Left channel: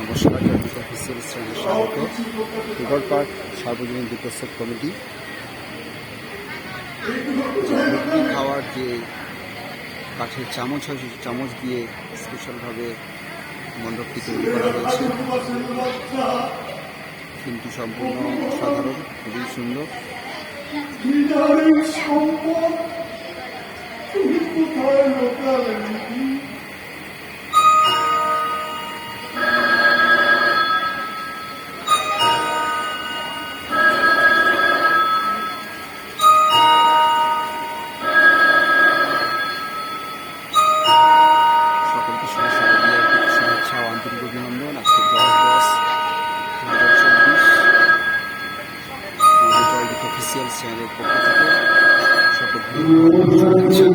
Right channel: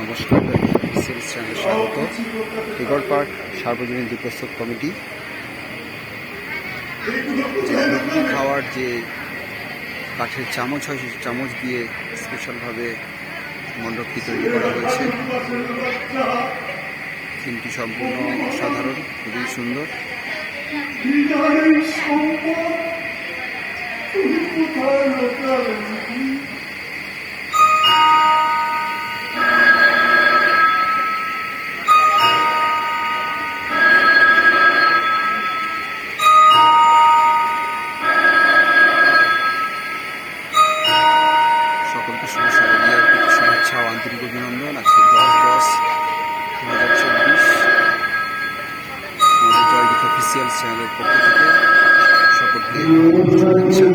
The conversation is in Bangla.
নমস্কার, অফিসিয়াল চ্যানেলে স্বাগত। রিভার পার্ক সার্বজনীন দুর্গোৎসব কমিটি যে ঘুগনি খাওয়ার যে কাঠের চামচ হয়, সেই চামচ দিয়ে স্পেশালভাবে মণ্ডপটি তৈরি করা হয়েছে। থিমটি সম্পূর্ণ অসাধারণ, খুবই সুন্দর। সকলকে শুভেচ্ছা ও আন্তরিক অভিনন্দন। আজকে 10/10/2024 আমাদের জয়গীত অফিসিয়াল চ্যানেলের পক্ষ থেকে সকলকে শুভেচ্ছা।